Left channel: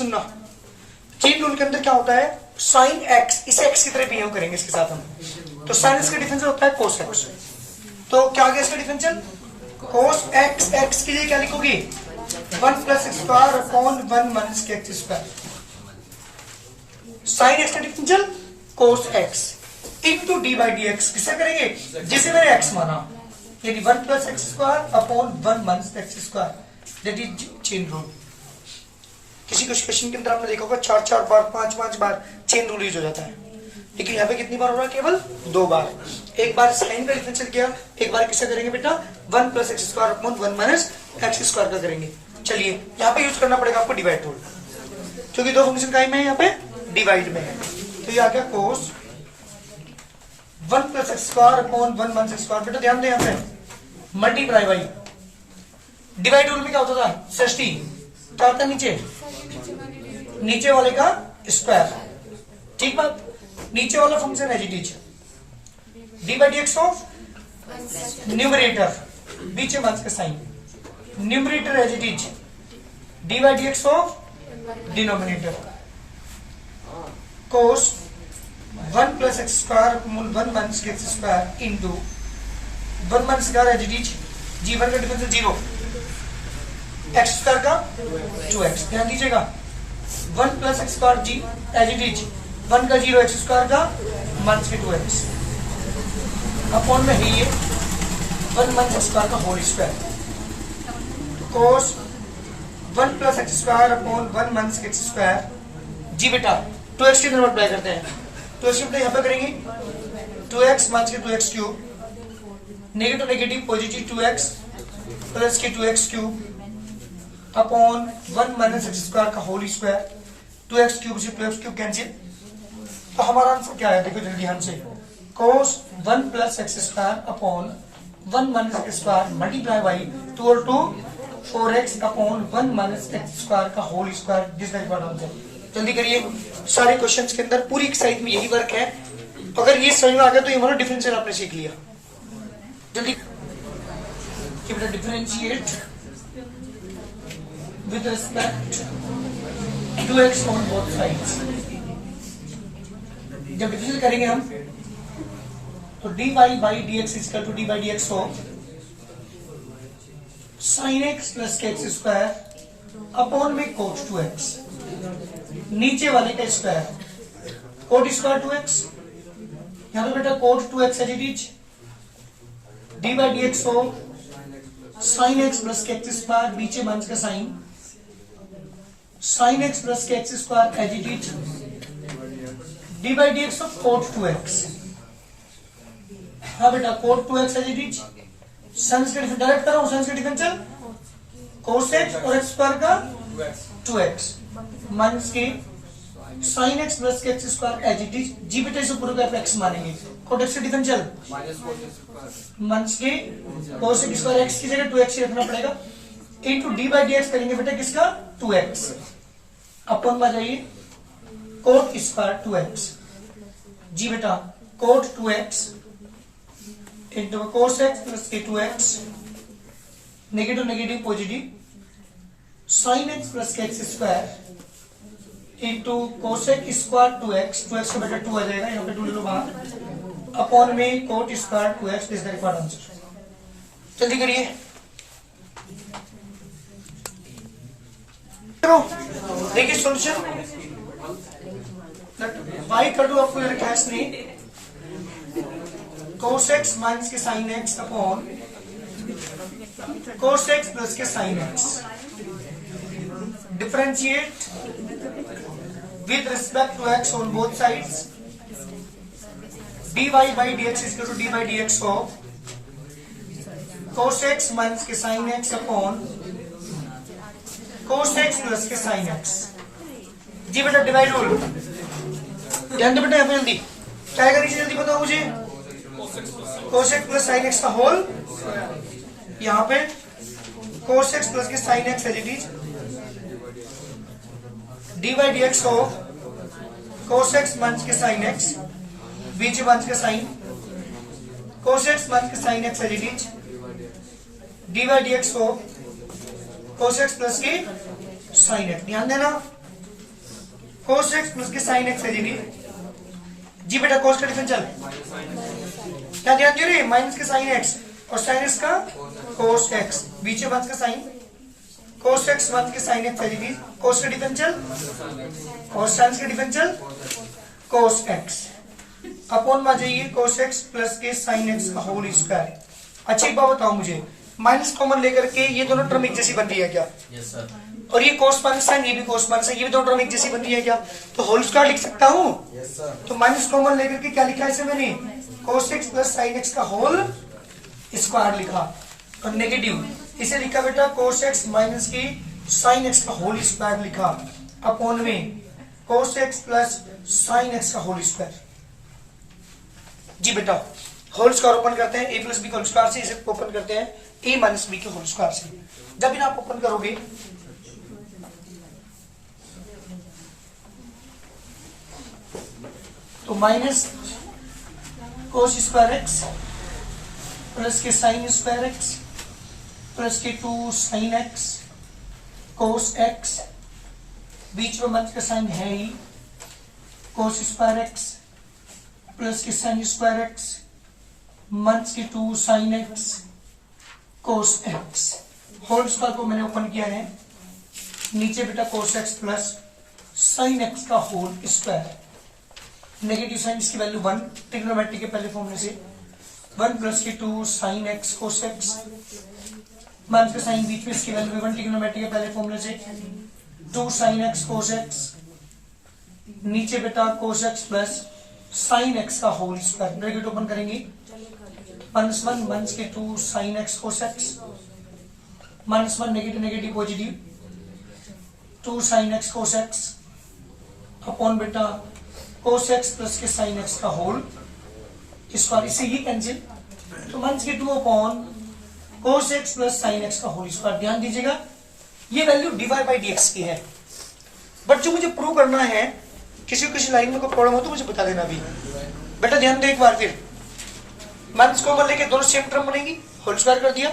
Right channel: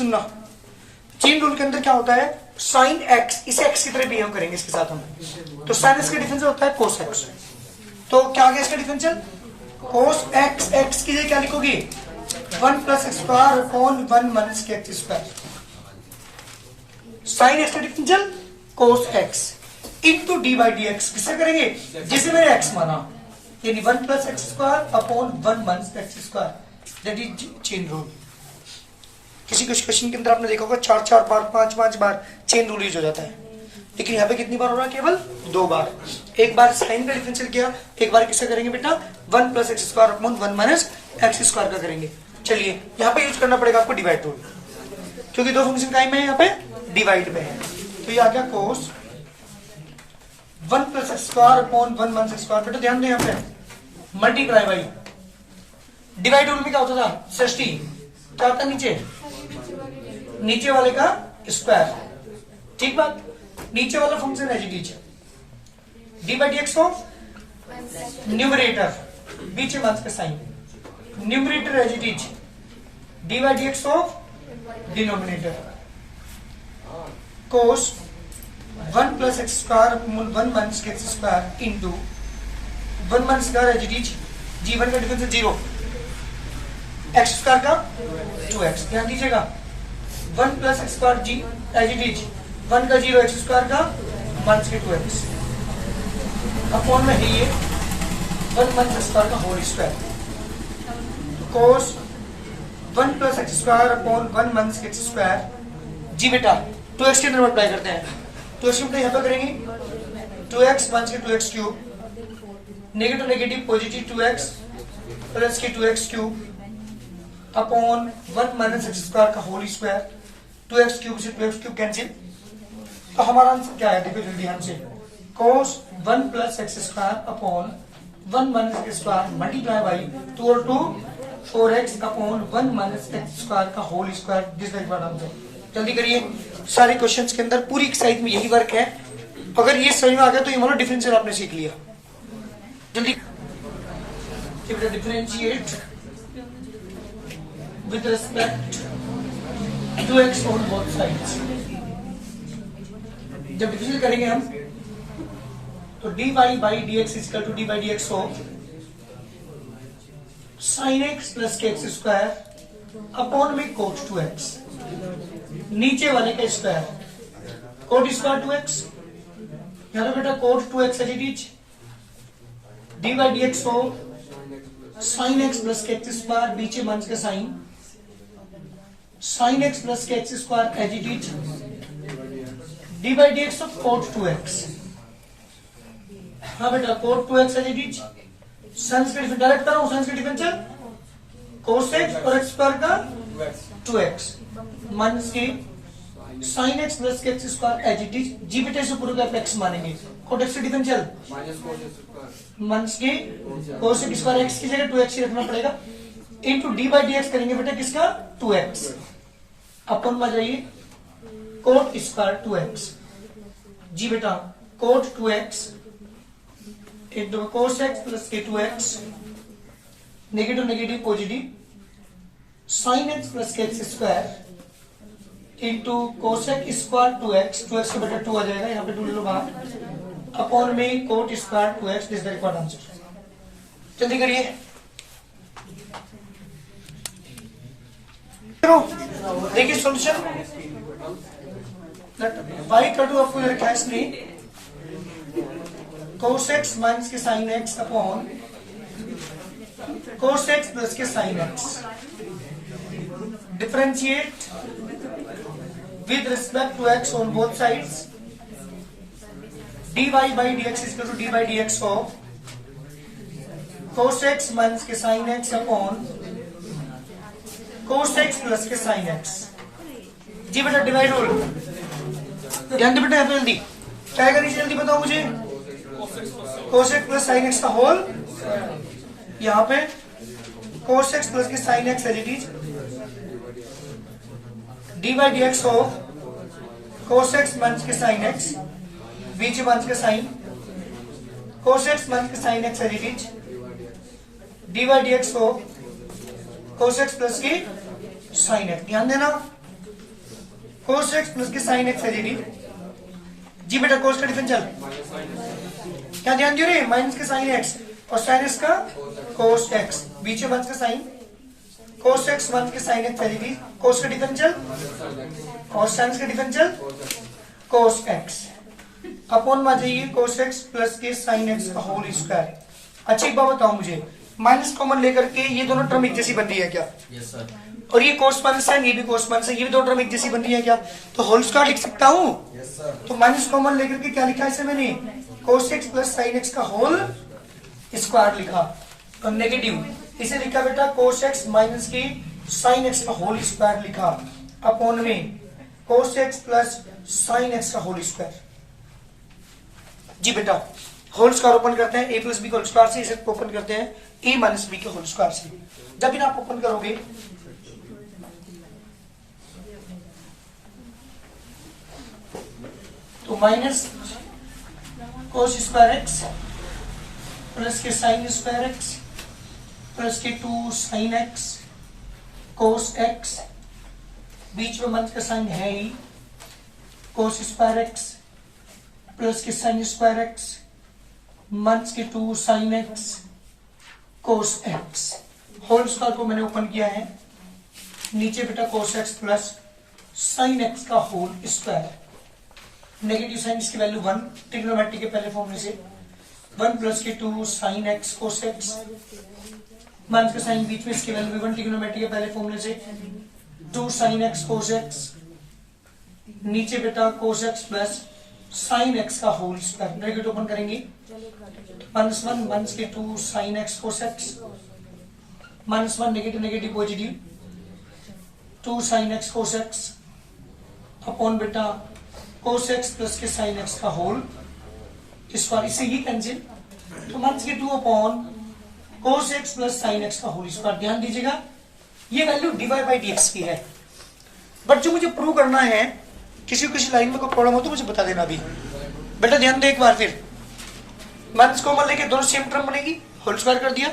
सुनना, chain rule के अंदर क्या होता है, साइन एक्स इसे एक्स की तरह बिहेव करेंगे इसके साथ हम, तो साइन एक्स का डिफरेंशियल होता है कोस एक्स। तो क्या आ गया इसका डिफरेंशियल, कोस एक्स, एक्स के लिए क्या लिखोगे 1 plus X square upon 1 minus k x square. Sign x का differential cos x into d by D x, किससे करेंगे जिसे मैंने एक्स माना, यानी 1 plus X square upon 1 minus x square, that is chain rule. किसी कुछ क्वेश्चन के अंदर आपने देखा होगा 4 बार 5 बार चेन रूल यूज हो जाता है, लेकिन यहाँ पे कितनी बार हो रहा है, केवल 2 बार। एक बार साइन का डिफरेंशियल किया, एक बार किससे करेंगे बेटा 1 plus X square upon 1 minus x square का करेंगे। चलिए यहाँ पे यूज करना पड़ेगा आपको डिवाइड रूल, क्योंकि दो फंक्शन का में यहाँ पे डिवाइड में है। तो ये आ गया कोस 1 plus X square upon 1 minus x square. बेटा ध्यान दें यहाँ पे मल्टीप्लाई बाई, डिवाइड रूल में क्या होता था सृष्टि, क्या होता है नीचे वाले का स्क्वायर, ठीक बात, नीचे वाला फंक्शन है जी D by D x of numerator, बीच में माइनस का sign, numerator as it is D by D x of denominator, cos 1 plus X square upon 1 minus x square into 1 minus square as it is जी, 1 का difference 0, X square का 2x, ध्यान दीजिएगा 1 plus X square जी as it is 1 का 0, X square का minus 2x upon में है ये 1 माइनस एक्स स्क्वायर का whole square, cos 1 plus X square upon 1 minus x square जी। बेटा 2x के अंदर मल्टीप्लाई करते हैं, तो इसमें यहाँ पे करेंगे 2x माइनस के 2x cube, negative negative positive 2x plus के 2x cube upon 1 minus x square का होल स्क्वायर, 2x क्यूब से 2x क्यूब कैंसिल। तो हमारा आंसर क्या है, देखो जल्दी ध्यान से, cos 1 plus X square upon 1 minus x square multiply by 2 और 2 4x upon 1 minus x square का whole square, this that what answer. जल्दी करिए, सारे क्वेश्चंस के अंदर पूरी एक्सरसाइज में यही वर्क है। अगर ये समझ में आ गया तो ये मतलब डिफरेंशियल आपने सीख लिया। जल्दी differentiate with respect to x on both sides. जब डिफरेंशियल करेंगे हम तो d y by D x is equal to d by D x of sin x plus के एक्स स्क्वायर अपॉन में कोट 2x, नीचे वाले का स्क्वायर, कोट स्क्वायर 2x, यहां पे बेटा cot 2x as it is D by D x of sin x plus के x square, बीचे माइनस का साइन, साइन एक्स प्लस के x square as it is D by D x of cot 2x। हाँ बेटा cot 2x as it is, साइंस का difference direct कर रहा हूं, साइंस का डिफरेंशियल कोस एक्स और एक्स स्क्वायर का 2x माइनस के साइन एक्स प्लस के x square as it is जी। बेटा इसे पूरे का एक्स मानेंगे, कोट एक्स का डिफरेंशियल माइनस के कोस एक्स स्क्वायर, एक्स की जगह 2x ही रखना पड़ेगा, into D by D x करेंगे बेटा किसका 2x अपन में जाइए कोट स्क्वायर 2x जी। बेटा cot 2x into cos x plus के 2x, negative negative positive sine x plus के x square into cosec square 2x, 2x का बेटा 2 आ जाएगा, यहाँ पे 2 ले लो बाहर, अपॉन में coat square 2x, this the required answer. जल्दी करिए, देखिए सॉल्यूशन y का टू आपको रखा है स्क्रीन, कोस एक्स माइनस के sign X upon cos x plus के sign X, differentiate with respect to x on both sides, dy by dx is equal to dy by dx of cos x minus के sin x upon cos x plus k sin x जी। बेटा divide rule ध्यान दे बेटा, यहाँ पे जल्दी क्या करनी जल्दी बताओ मुझे, cos x plus sin x का होल, यहाँ पे cos x plus k sin x as it is D by D x of cos x minus के साइन एक्स, बीच माइनस के साइन, कोस एक्स माइनस के sign x as it is D by D x of cos x plus के sign x. ध्यान देना cos x plus के sign x है जी बेटा कोस का डिफरेंशियल क्या ध्यान दे रहे माइनस के साइन एक्स और साइन एक्स का कोस एक्स बीच में का साइन कोस एक्स माइनस के साइन एक्स है कोस का डिफरेंशियल और साइन का डिफरेंशियल कोस एक्स अपॉन में जाइए कोस एक्स प्लस के साइन एक्स का होल स्क्वायर। अच्छा एक बात बताओ मुझे माइनस कॉमन लेकर के ये दोनों टर्म एक जैसी बन रही है क्या? Yes sir. और ये कोस माइनस साइन ये भी कोस माइनस साइन ये भी दोनों टर्म एक जैसी बन रही है क्या? तो होल स्क्वायर लिख सकता हूँ। Yes sir. तो माइनस कॉमन लेकर के क्या लिखा है इसे मैंने cos x plus sin x का होल स्क्वायर लिखा और नेगेटिव इसे लिखा बेटा कोस एक्स माइनस की साइन एक्स का होल स्क्वायर लिखा अपॉन में cos x plus sin x का होल स्क्वायर। जी बेटा होल स्क्वायर ओपन करते हैं a प्लस बी का होल स्क्वायर से इसे ओपन करते हैं a माइनस बी के होल स्क्वायर से। जब इन्हें आप ओपन करोगे तो minus cos square x plus के sin square x plus k 2 sin x cos x बीच में मंथ का साइन है ही कोस स्क्वायर एक्स प्लस के साइन स्क्वायर एक्स मंथ k 2 sin x cos x whole square को मैंने ओपन किया है नीचे बेटा cos x plus sin x का होल स्क्वायर नेगेटिव साइन इसकी वैल्यू 1 ट्रिग्नोमेट्री के पहले फॉर्मूले से 1 plus k 2 sin x cos x month का साइन बीच में इसकी वैल्यू 1 ट्रिग्नोमेट्री के पहले फॉर्मूले से 2 साइन एक्स कोस एक्स नीचे बेटा cos x plus sin x का होल स्क्वायर ब्रैकेट ओपन करेंगे -1 माइनस के 2 sin x cos x -1 negative negative positive 2 sin x cos x upon बेटा कोस एक्स प्लस के साइन एक्स का whole square इसे ये कैंसिल तो माइनस के 2 upon cos x plus sin x का होल स्क्वायर। ध्यान दीजिएगा ये वैल्यू dy बाई dx की है बट जो मुझे प्रूव करना है किसी लाइन में कोई प्रॉब्लम हो तो मुझे बता देना अभी। बेटा ध्यान दो एक बार फिर माइनस कॉमन लेके दोनों सेम टर्म बनेगी होल स्क्वायर कर दिया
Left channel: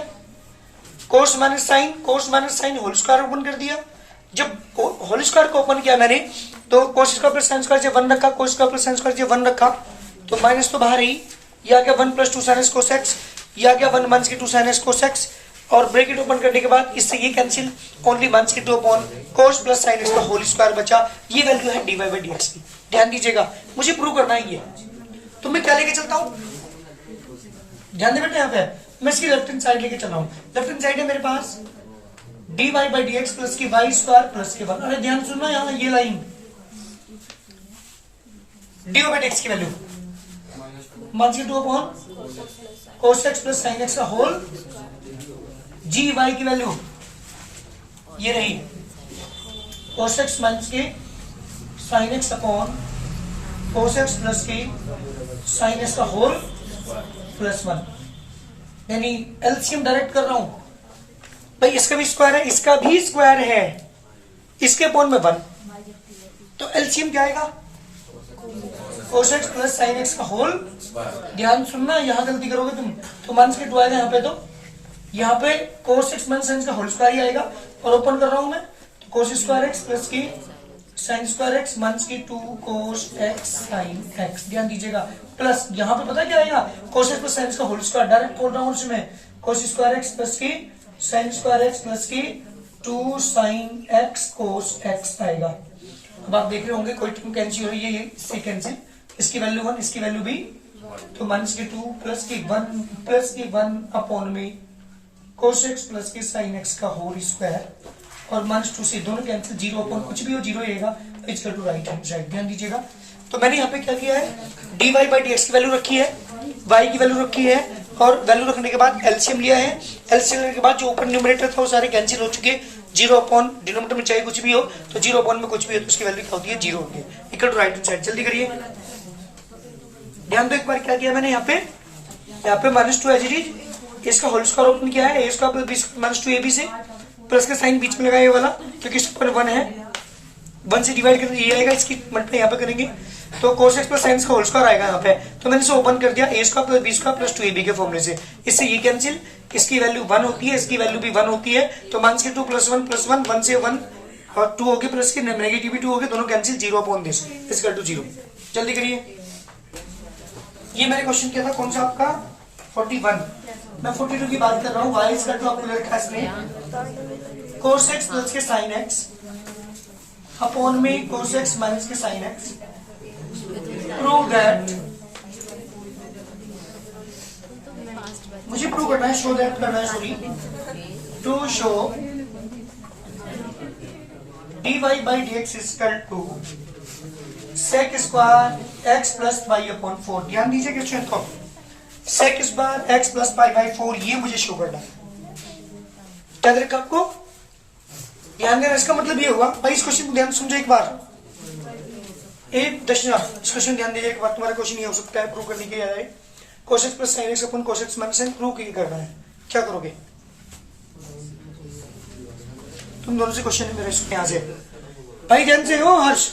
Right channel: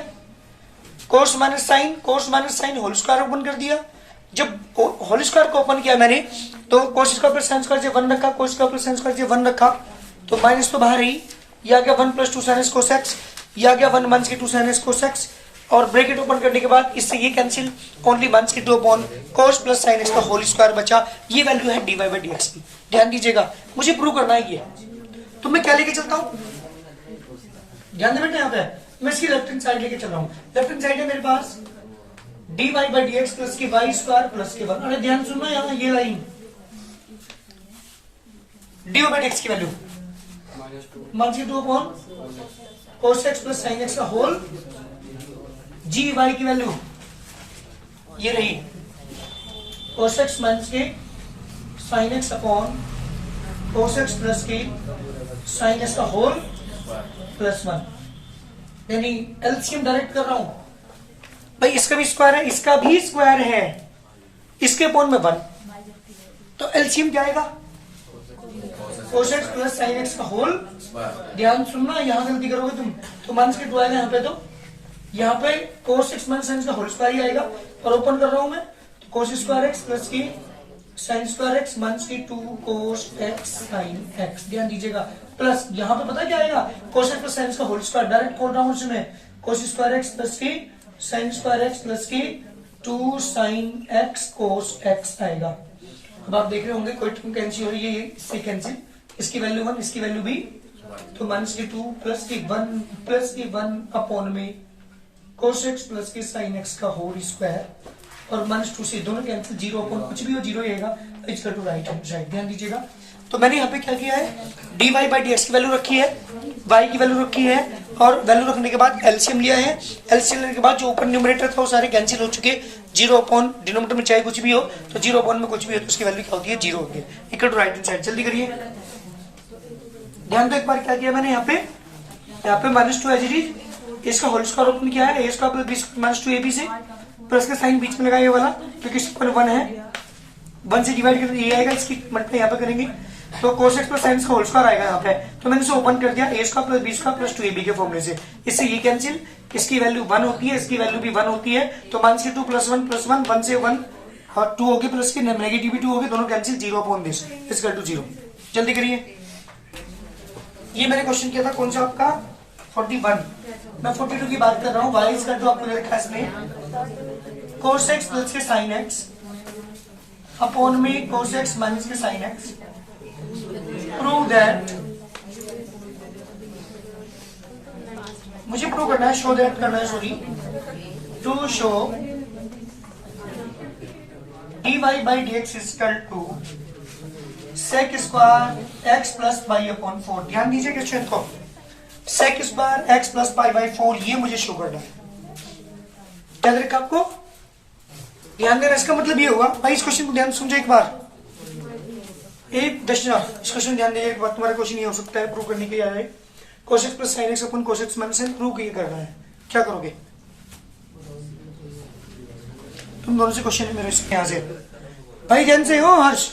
cos minus sin whole square open कर दिया। जब होल स्क्वायर को ओपन किया मैंने तो cos square plus sine square 1 रखा cos square plus sine square 1 रखा तो माइनस तो बाहर ही या क्या 1 plus 2 sin x cos x या क्या 1 माइनस के 2 साइन एक्स कोस एक्स और ब्रैकेट ओपन करने के बाद इससे ये कैंसिल ओनली माइनस के 2 अपॉन कोस प्लस साइन एक्स का होल स्क्वायर बचा। ये वैल्यू है dy बाई dx की। ध्यान दीजिएगा मुझे प्रूव करना है ये तो मैं क्या लेके चलता हूँ ध्यान दे बेटा यहाँ पे मैं इसकी लेफ्ट हैंड साइड लेके चल रहा हूँ। लेफ्ट हैंड साइड है मेरे पास dy बाई dx प्लस की वाई स्क्वायर प्लस के 1। अरे ध्यान सुनना यहाँ ये लाइन dy बाई dx की वैल्यू माइनस के 2 upon cos x plus sin x का होल जी वाई की वैल्यू ये रही कोस एक्स माइनस के sign X upon cos x plus के साइन एक्स का होल प्लस 1 यानी एलसीएम डायरेक्ट कर रहा हूं भाई इसका भी स्क्वायर है इसका भी स्क्वायर है इसके अपॉन में 1 तो एलसीएम क्या आएगा cos x plus sin x का होल। ध्यान सुनना यहां गलती करोगे तुम तो माइनस के 2 आएगा यहाँ पे तो यहाँ पे कोस एक्स माइनस साइन का होल स्क्वायर ही आएगा और ओपन कर रहा हूं मैं तो कोस स्क्वायर एक्स प्लस की साइन स्क्वायर एक्स माइनस की 2 कोस एक्स साइन एक्स। ध्यान दीजिएगा प्लस यहाँ पे पता क्या आएगा कोस एक्स प्लस साइन का होल स्क्वायर डायरेक्ट बोल रहा हूँ उसमें कोस स्क्वायर एक्स प्लस की साइन स्क्वायर एक्स प्लस की 2 साइन एक्स कोस एक्स आएगा। अब आप देख रहे होंगे कोई टर्म कैंसिल हो रही है इससे कैंसिल इसकी वैल्यू 1 इसकी वैल्यू भी तो माइनस के 2 प्लस की 1 अपॉन में कोस एक्स प्लस के साइन एक्स का होल स्क्वायर और माइनस 2 से दोनों कैंसिल 0 अपॉन कुछ भी हो 0 रहेगा equal to right hand side. ध्यान दीजिएगा तो मैंने यहाँ पे क्या किया है dy बाई dx की वैल्यू रखी है y की वैल्यू रखी है और वैल्यू रखने के बाद एलसीएम लिया है। एलसीएम लेने के बाद जो ओपन न्यूमरेटर था वो सारे कैंसिल हो चुके 0 अपॉन डिनोमिनेटर में चाहे कुछ भी हो तो 0 अपॉन में कुछ भी हो तो उसकी वैल्यू क्या होती है 0 होती है equal to right hand side. जल्दी करिए ध्यान दो एक बार क्या किया मैंने यहाँ पे माइनस 2 एज इट इसका होल स्क्वायर ओपन किया है ए स्क्वायर प्लस माइनस 2 ab से प्लस का साइन बीच में लगाया ये वाला क्योंकि इसके ऊपर 1 है 1 से डिवाइड करके ये आएगा इसकी मल्टीप्लाई यहाँ पे करेंगे तो कोस एक्स प्लस साइन का होल स्क्वायर आएगा यहाँ पे तो मैंने इसे ओपन कर दिया A square plus B square plus 2ab के फॉर्मूले से इससे ये कैंसिल इसकी वैल्यू 1 होती है इसकी वैल्यू भी 1 होती है तो माइनस के 2 प्लस 1 1 से 1 और 2 हो गए प्लस के नेगेटिव भी 2 हो गए, दोनों cancel, 0 upon this equal to 0। जल्दी करिए। ये मैंने क्वेश्चन किया था कौन सा आपका 41, मैं 42 की बात कर रहा हूँ। वाई इक्वल टू आपको ले रखा है इसमें cos x plus k sin x upon में cos x minus k sin x। Prove that, मुझे प्रूव करना है, शो दैट करना है, sorry, to show dy by dx is equal to sec square x plus pi upon 4। ध्यान दीजिए question को, sec square x plus pi by 4 ये मुझे शो करना है। क्या रखा आपको ध्यान देना, इसका मतलब ये हुआ भाई, इस क्वेश्चन को ध्यान समझो एक बार, एक दशा इस क्वेश्चन ध्यान दीजिए एक बार, तुम्हारा क्वेश्चन ये हो सकता है प्रूव करने के लिए आए cos x plus sin x अपन cos x minus sin prove करना है। क्या करोगे तुम दोनों से क्वेश्चन है मेरे यहाँ से भाई, ध्यान से हो हर्ष।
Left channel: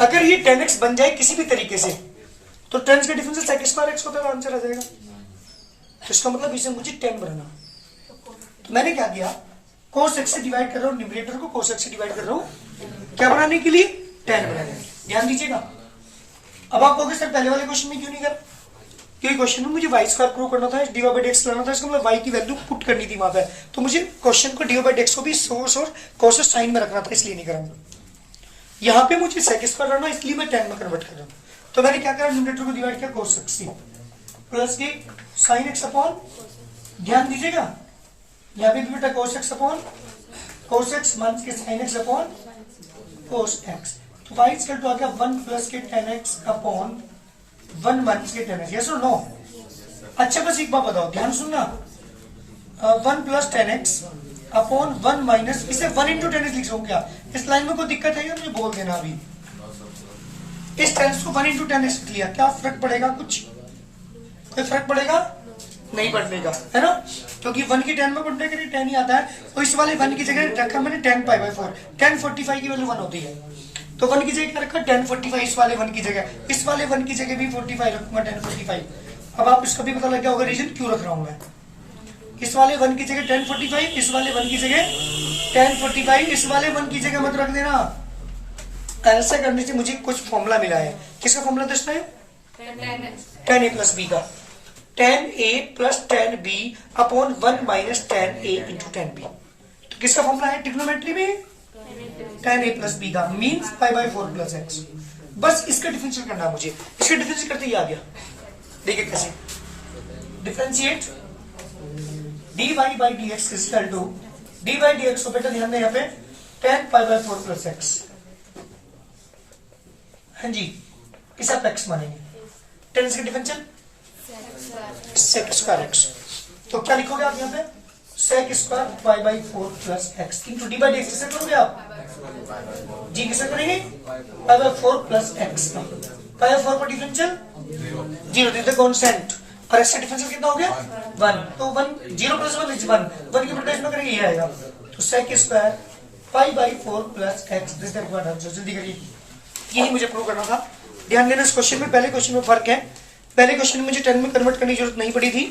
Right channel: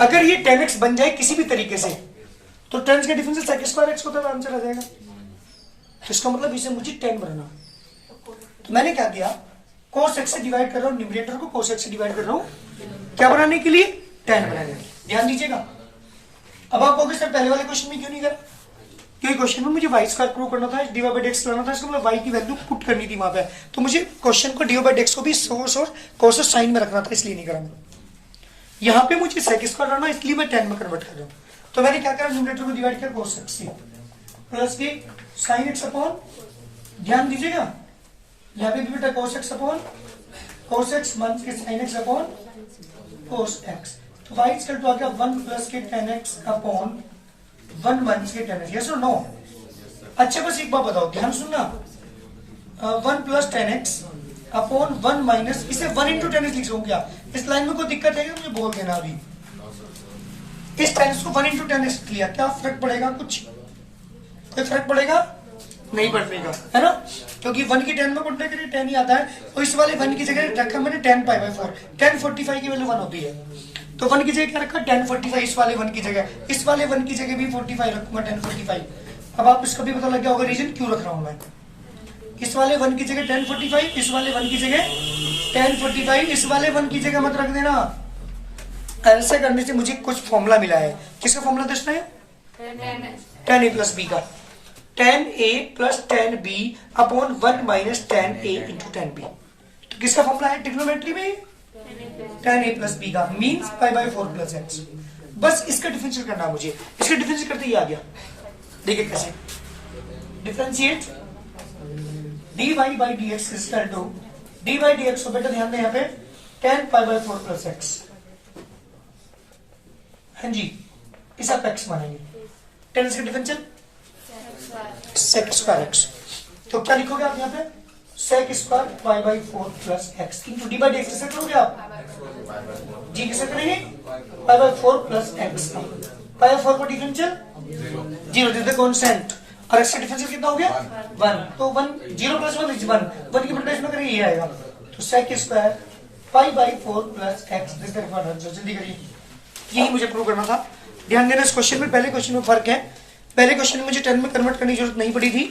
अगर ये 10x बन जाए किसी भी तरीके से तो 10 का डिफरेंस sec स्क्वायर x होता है, आंसर आ जाएगा। तो इसका मतलब इसे मुझे 10 बनाना, तो मैंने क्या किया, cos x से डिवाइड कर रहा हूँ, न्यूमरेटर को cos x से डिवाइड कर रहा हूँ, क्या बनाने के लिए, 10 बनाने। ध्यान दीजिएगा। अब आप कहोगे सर पहले वाले क्वेश्चन में क्यों नहीं करा, क्योंकि क्वेश्चन में मुझे वाई स्क्वायर प्रूव करना था, डी वाई बाई डेक्स करना था, इसका मतलब वाई की वैल्यू पुट करनी थी वहां पे, तो मुझे क्वेश्चन को डी वाई बाई डेक्स को भी सोर्स और कॉस साइन में रखना था, इसलिए नहीं करा। यहाँ पे मुझे सेक स्क्वायर करना, इसलिए मैं 10 में कन्वर्ट कर रहा हूँ। तो मैंने क्या करा, न्यूमरेटर को डिवाइड किया cos x प्लस के साइन एक्स अपॉन, ध्यान दीजिएगा यहाँ पे भी बेटा cos x अपॉन cos x माइनस के sign X upon cos x। तो वाई इक्वल टू आ गया 1 प्लस के 10x upon 1 minus k 10x। Yes और नो? अच्छा बस एक बात बताओ, ध्यान सुनना, 1 प्लस 10x अपॉन 1 माइनस, इसे 1 इंटू 10x लिख सकूं क्या? इस लाइन में कोई दिक्कत है मुझे बोल देना अभी। इस टेंस को 1 इंटू 10x लिया, क्या फर्क पड़ेगा? कुछ कोई फर्क पड़ेगा? नहीं पड़ेगा, है ना, क्योंकि 1 की 10 में कॉन्टेक्ट करिए 10 ही आता है। और इस वाले 1 की जगह रखा मैंने 10 पाई बाई 4, 1045 की वैल्यू 1 होती है, तो 1 की जगह क्या रखा 1045, इस वाले 1 की जगह, इस वाले 1 की जगह भी 45 रखूंगा 1045। अब आप इसका भी पता लग गया होगा रीजन क्यों रख रहा हूं मैं। इस वाले 1 की जगह 1045, इस वाले 1 की जगह 1045, इस वाले 1 की जगह मत रख देना। ऐसे करने से मुझे कुछ फॉर्मूला मिला है, किसका फॉर्मूला दोस्तों है? 10a प्लस बी का, 10a plus 10b upon 1 minus 10a into 10b। तो किसका फॉर्मूला है ट्रिग्नोमेट्री में? 10a प्लस बी का, means pi by 4 plus x. बस इसका डिफरेंशियल करना है मुझे, इसका डिफरेंशियल करते ही आ गया। देखिए कैसे differentiate dy by dx is equal to dy by dx को बेटा ध्यान दें यहाँ पे 10 पाई बाई 4 प्लस एक्स। हाँ जी, इस आप एक्स मानेंगे, 10 इसका डिफरेंशियल सेक स्क्वायर एक्स। तो क्या लिखोगे आप यहाँ पे? Sec square pi by 4 plus x into d by dx. किससे करोगे आप जी? किससे करेंगे? पाई बाई 4 प्लस एक्स का, पाई बाई 4 का डिफरेंशियल 0 दे दे कांस्टेंट, और एक्स का डिफरेंशियल कितना हो गया 1। तो 1 0 प्लस 1 इज 1 की मल्टीप्लिकेशन में करेंगे ये आएगा। तो sec square pi by 4 plus x, this that what answer. जल्दी करिए, यही मुझे प्रूव करना था। ध्यान देना इस क्वेश्चन में, पहले क्वेश्चन में फर्क है। पहले क्वेश्चन में मुझे 10 में कन्वर्ट करने की जरूरत नहीं पड़ी थी,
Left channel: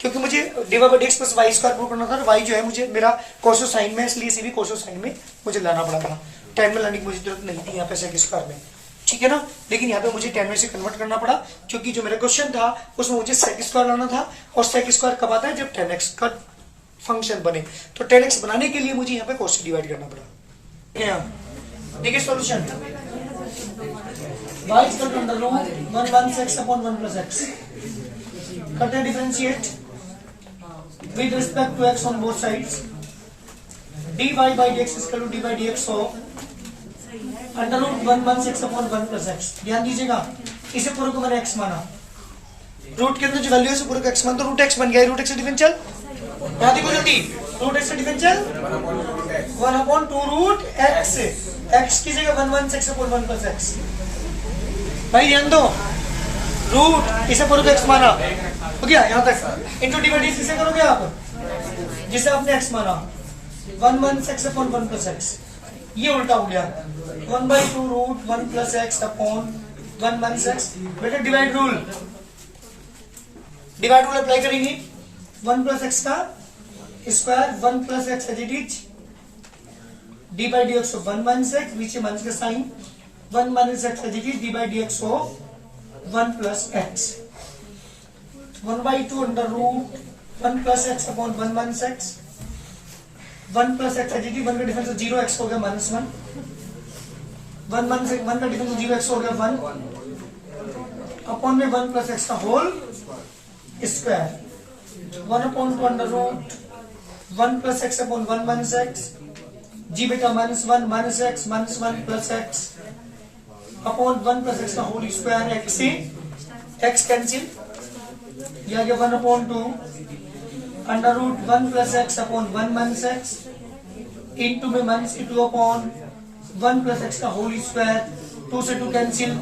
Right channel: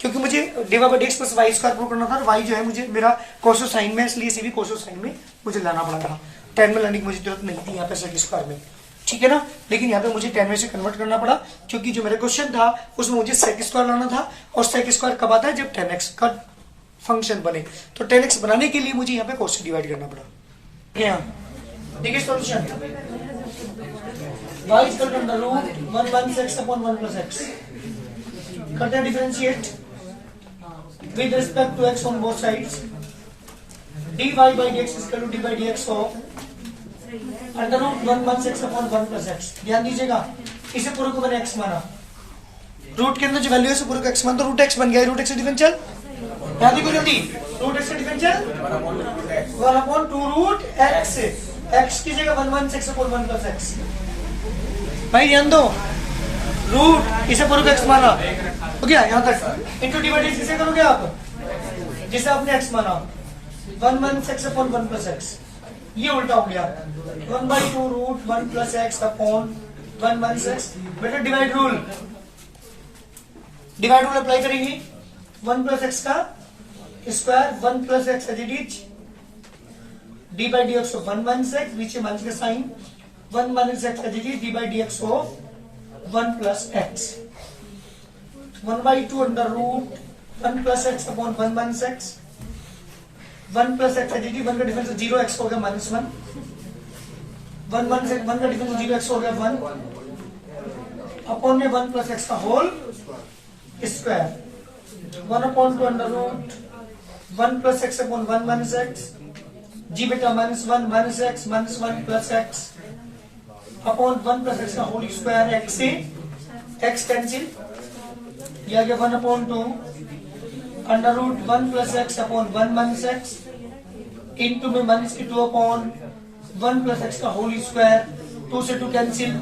क्योंकि मुझे d y by D x plus y square prove करना था, और वाई जो है मुझे मेरा कोसो साइन में, इसलिए इसे भी कोसो साइन में मुझे लाना पड़ा था। 10 में लाने की मुझे जरूरत नहीं थी यहाँ पे सेक स्क्वायर में, ठीक है ना। लेकिन यहाँ पे मुझे 10 में से कन्वर्ट करना पड़ा, क्योंकि जो मेरा क्वेश्चन था उसमें मुझे सेक स्क्वायर लाना था, और सेक स्क्वायर कब आता है? जब 10x का फंक्शन बने। तो 10x बनाने के लिए मुझे यहाँ पे कोस से डिवाइड करना पड़ा। देखिए solution, y is equal to under root 1 1 x upon 1 plus x। करते हैं differentiate with respect to x on both sides। dy by dx is equal to d by dx of under root 1 1 x upon 1 plus x। ध्यान दीजिएगा, इसे पूरे को मैंने x माना, root के अंदर जो वैल्यू है इसे पूरे को x मान, तो रूट x बन गया। रूट x डिफरेंशियल ध्यान देखो जल्दी, root x differential 1 upon 2 root x, x की जगह 1 1 x upon 1 plus x। भाई ध्यान दो, रूट इसे पूरे को x माना, हो गया यहाँ तक। इंटू डिवाइड किसे करोगे आप? जिसे आपने x माना, 1 1 x अपॉन 1 प्लस x। ये उल्टा हो गया, 1 by 2 root 1 plus x upon 1 1 x। बेटा divide rule, divide rule apply करेंगे। 1 प्लस x का square 1 plus x as it is D by D x of 1 minus x, नीचे minus का sign, 1 minus x d by D x of 1 plus x, 1/2 under root 1 plus x upon 1 minus x, 1 plus x d, 1 का difference 0, x हो गया -1, 1 minus 1 का difference 0, x हो गया 1 upon में 1 plus x का whole square, 1/2 under root 1 plus x upon 1 minus X, जी बेटा -1 minus x -1 plus x upon 1 plus x का होल स्क्वायर, एक्स से एक्स कैंसिल, यह आ गया 1/2 under root 1 plus x upon 1 minus x into में minus की 2 अपॉन 1 प्लस एक्स का होल स्क्वायर, 2 से 2 कैंसिल,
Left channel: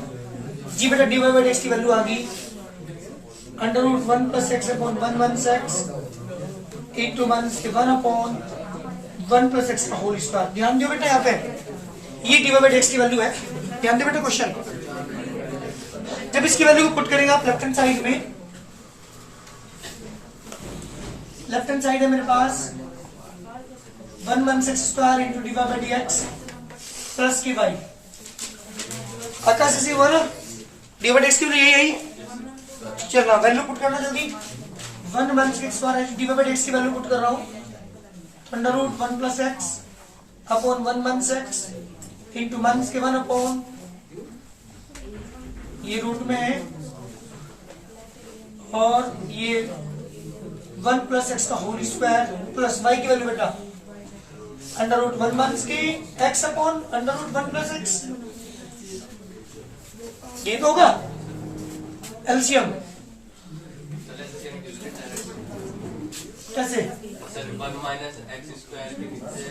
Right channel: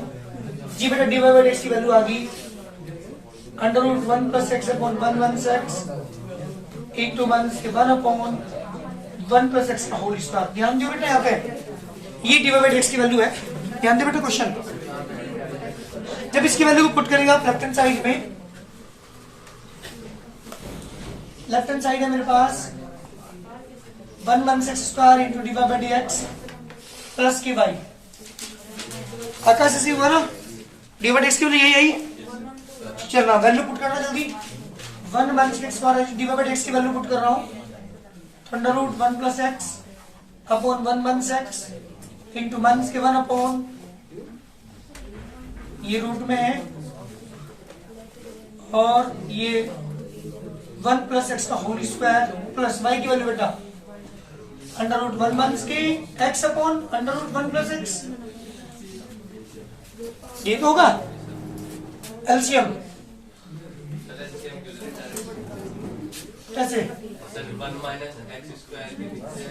जी बेटा डी वाई बाई एक्स की वैल्यू आ गई under root 1 plus x upon 1 minus x into minus k 1 upon 1 plus x का होल स्क्वायर। ध्यान दियो बेटा, यहाँ पे ये डी वाई बाई एक्स की वैल्यू है, ध्यान दियो बेटा क्वेश्चन। जब इसकी वैल्यू को पुट करेंगे आप लेफ्ट हैंड साइड में, लेफ्ट हैंड साइड है मेरे पास 1 minus x square into d y by D x plus की वाई, आकाश ऐसी हुआ ना, डी वाई एक्स की वैल्यू यही आई, चल रहा वैल्यू पुट करना जल्दी, 1 minus x square d y by x की वैल्यू पुट कर रहा हूं, under root 1 plus x upon 1 minus x into minus k 1 upon, ये रूट में है और ये 1 प्लस एक्स का होल स्क्वायर प्लस वाई की वैल्यू बेटा under root 1 minus k x upon under root 1 plus x, ये तो होगा एलसीएम कैसे 1 माइनस एक्स स्क्वायर के नीचे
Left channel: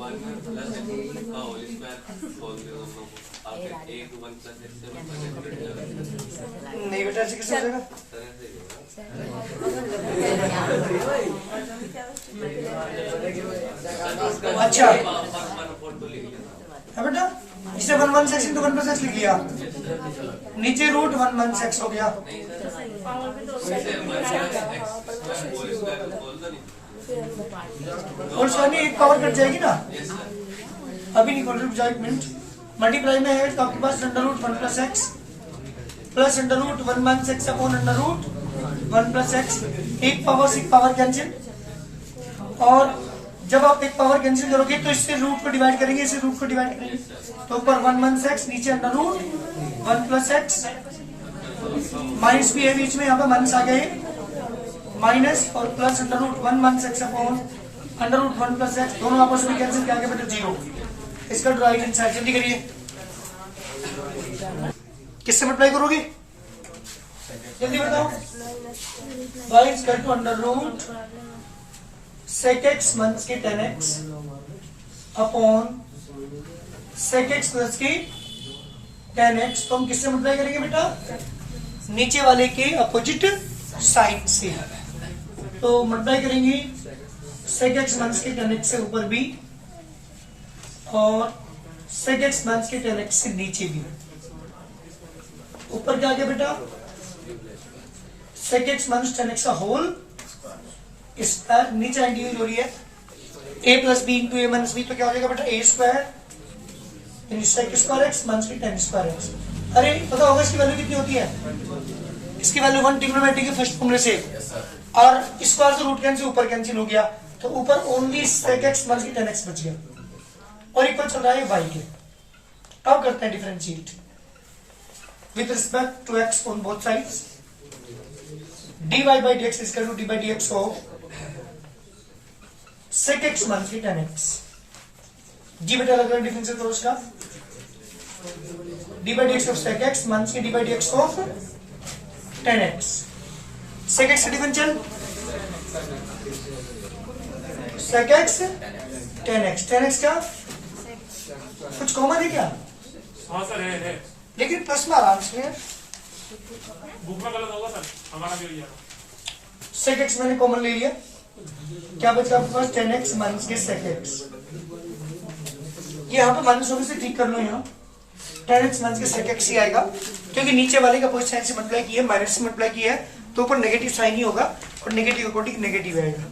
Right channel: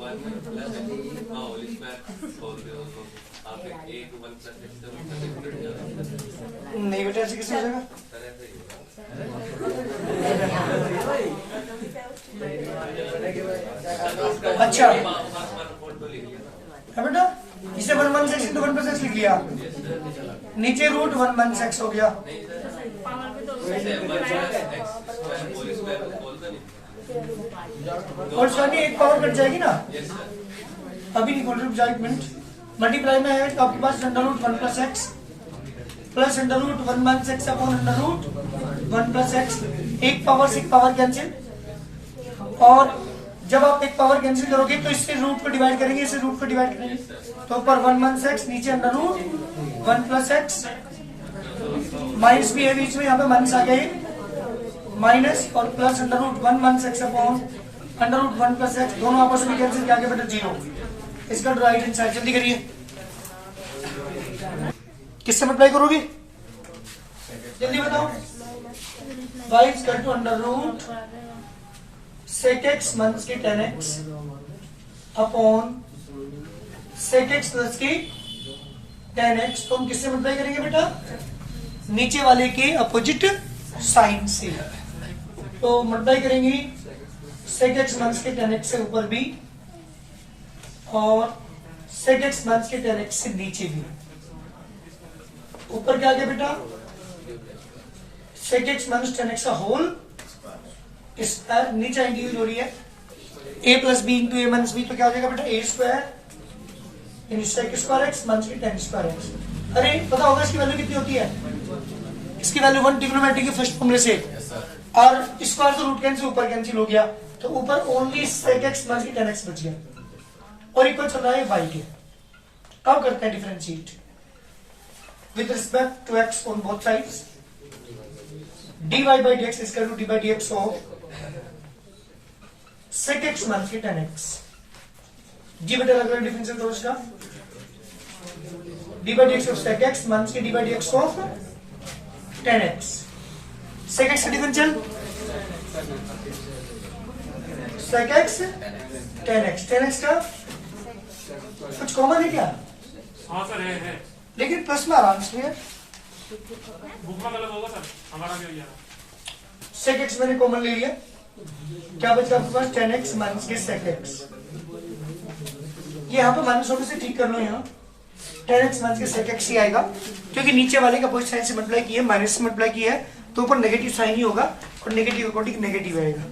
1 प्लस एक्स का होल स्क्वायर खोल दो उसको, आप 1 1 प्लस एक्स से 1 प्लस एक्स कट जाएगा। नहीं बेटा ऐसे कैसे हो जाएगा, सर ऐसे ही होगा। अच्छा 1/4 तो लिख लिया है बेटा, इसने 1 minus x into 1 plus x लिख लिया, नीचे रूट 1 माइनस एक्स हो गया, नहीं sir, 1 minus x square whole square खोल दो नहीं, और सामने एक पावर कट जाएगी ना, यस सर, अभी नहीं खोल, रुक जाओ 1 मिनट, मल्टीप्लाई में है तो आपके पास under root 1 plus X plus under root 1 minus x upon under root 1 plus X, एक पावर से एक पावर कैंसिल, और जब आप एक पावर कैंसिल करोगे तो इससे रूट को डिवाइड करेंगे, इससे रूट को डिवाइड करेंगे, तो ऊपर 1 माइनस एक्स नीचे under root 1 plus x, minus भी है बीच में, यहाँ पे माइनस आ गए माइनस और plus under root 1 minus x upon under root 1 plus x, दोनों आपस में कैंसिल करके बेटा 0, इसका राइट हैंड साइड जल्दी करिए, किससे मल्टीप्लाई करोगे जल्दी बताओ, y is equal to under root sec x minus k 10x upon sec x plus के 10x, तो हम किससे मल्टीप्लाई करेंगे बेटा, नीचे वाले के अपोजिट साइन से, तो मल्टीप्लाई करेंगे sec x minus k 10x से ऊपर भी और sec x minus k 10x से नीचे भी, ऊपर क्या आ गया बेटा sec x माइनस 10x का होल स्क्वायर, नीचे इंडिविजुअल हो रही है a plus b into a minus b, तो क्या हो जाएगा बेटा a square sec square x minus k 10 square x। अरे पता होगा इसकी वैल्यू कितनी होती है, इसकी वैल्यू 1 ट्रिग्नोमेट्री के फर्स्ट फॉर्मूले से, और स्क्वायर से रूट कैंसिल ऊपर कैंसिल हो गया, तो ऊपर only sec x minus k 10x बच गया, और इक्वल चल रहा है y के। अब करते हैं differentiate with respect to x on both sides, dy by dx is equal to d by dx of sec x minus के 10x, जी बेटा अलग अलग डिफरेंशियल करो इसका, d by dx of sec x minus के d by dx of 10x, sec x differential sec x 10x, 10x का कुछ common है क्या, हाँ सर है, लेकिन प्लस में आराम से बुक में गलत होगा सर, हमारा क्यों यार, sec x मैंने कॉमन ले लिया, क्या बचा आपके पास 10x माइनस के sec x, ये यहाँ पे माइनस होने से ठीक कर लो, यहाँ 10x माइनस के sec x ही आएगा, क्योंकि नीचे वाले का अपोजिट साइन से मल्टीप्लाई किया है, माइनस से मल्टीप्लाई किया है, तो ऊपर नेगेटिव साइन ही होगा और नेगेटिव अकॉर्डिंग नेगेटिव आएगा।